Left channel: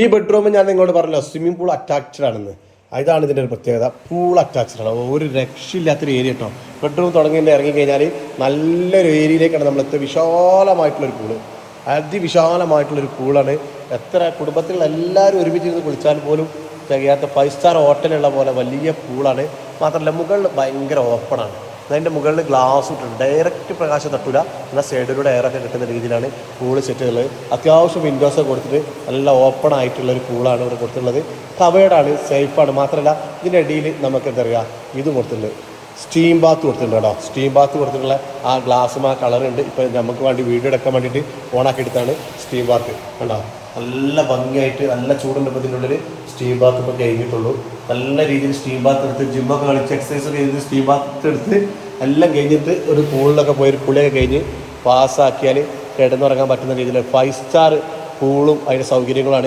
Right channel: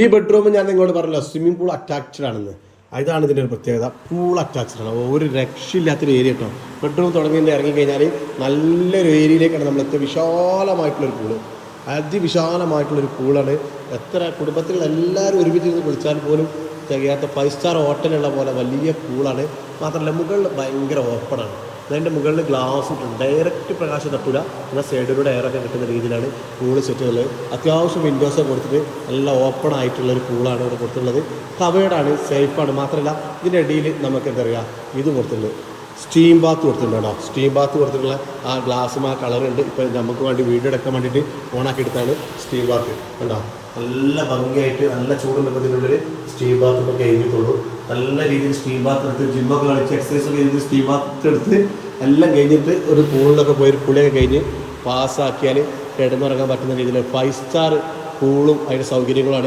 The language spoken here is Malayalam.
ഈ ബെഡ്റൂം ഞാൻ നിങ്ങളോട് പറഞ്ഞല്ലോ സ്വിമ്മിംഗ് പൂൾ അറ്റാച്ച്ഡ് ആണെന്ന്. ഇതാണ് ഇതിൻ്റെ ഒരു പ്രത്യേകത. പൂൾ അറ്റാച്ച്ഡ് ആണ്, ഒരു രക്ഷയില്ലാത്തൊരു ഏരിയ കേട്ടോ. ബെഡ്റൂം തുടങ്ങി ഇറങ്ങിക്കഴിഞ്ഞാൽ നല്ലൊരു ഏരിയയിലേക്കാണ് നമ്മളെത്തുക. വിശാലമായിട്ടുള്ളൊരു പൂള്, അതിവിശാലമായിട്ടുള്ളൊരു പൂളാണ്. എത്ര കുടുംബത്തിലുള്ള എല്ലാവരും ഒരുമിച്ച് കുളിച്ചാൽ പോലും തികയാത്ത 5 സ്റ്റാർ ഹോട്ടലുള്ള പോലെ വലിയ പൂളാണ്. മാത്രമല്ല മുകളിൽ ഭയങ്കര ഓപ്പണാണ്. അതിൻ്റെ മുകളിൽ ഗ്ലാസ് ഇട്ടുണ്ട്, ഡയറക്റ്റ് പ്രകാശം തട്ടില്ല, എന്നാൽ സൈഡിലൂടെ എയറൊക്കെ കിട്ടുന്ന രീതിയിലാണ് പൂള് സെറ്റുള്ളത്. അത്യാവശ്യം വിൻഡോസൊക്കെ കൊടുത്തിട്ട് നല്ല ഓപ്പൺ ആയിട്ടുള്ളൊരു പൂളാണ് ഇവിടെ കൊടുത്തിട്ടുള്ളത്. കവേർഡാണ്, സേഫാണ്. മാത്രമല്ല ഇതിൻ്റെ ഇടയിൽ നമുക്ക് എന്താ പറയുക ഇത് കൊടുത്തിട്ടുണ്ട്, സ്റ്റീം ബാത്ത് കൊടുത്തിട്ടുണ്ട് കേട്ടോ. സ്റ്റീം ബാത്ത് കൊടുത്തിട്ടുള്ള ആ ഗ്ലാസ്സും ആ കളറുണ്ട്. ഇപ്പോൾ നമുക്ക് വേണ്ടി വീഡിയോ എടുക്കാൻ വേണ്ടിയിട്ട് ഓണാക്കി എടുത്താണ് സ്റ്റീം ബാത്ത് കണ്ടോ. നല്ല ഭംഗിയായിട്ട് നല്ല ചൂടുണ്ട്. ഇതിനുള്ളൊരു സ്റ്റീം ബാത്ത് ഇപ്പോൾ കഴിഞ്ഞിട്ടുള്ളൂ. നല്ല രീതിയിൽ സ്റ്റീം ബാത്ത് എടുത്ത് ജിമ്മൊക്കെ കളിച്ച് എക്സസൈസ് ചെയ്ത് സ്റ്റീം ബാത്ത് എടുത്ത് എല്ലാം കഴിഞ്ഞിട്ട് ഒരു പൂളിലൊക്കെ പോയി ഒരു കുളിയൊക്കെ കഴിഞ്ഞ് പാസ്സാക്കിയാൽ കിടന്നുറങ്ങാൻ പറ്റുന്ന രീതിയിൽ 5 സ്റ്റാർ പൂളും അതിൻ്റെ സൗകര്യങ്ങളാണ്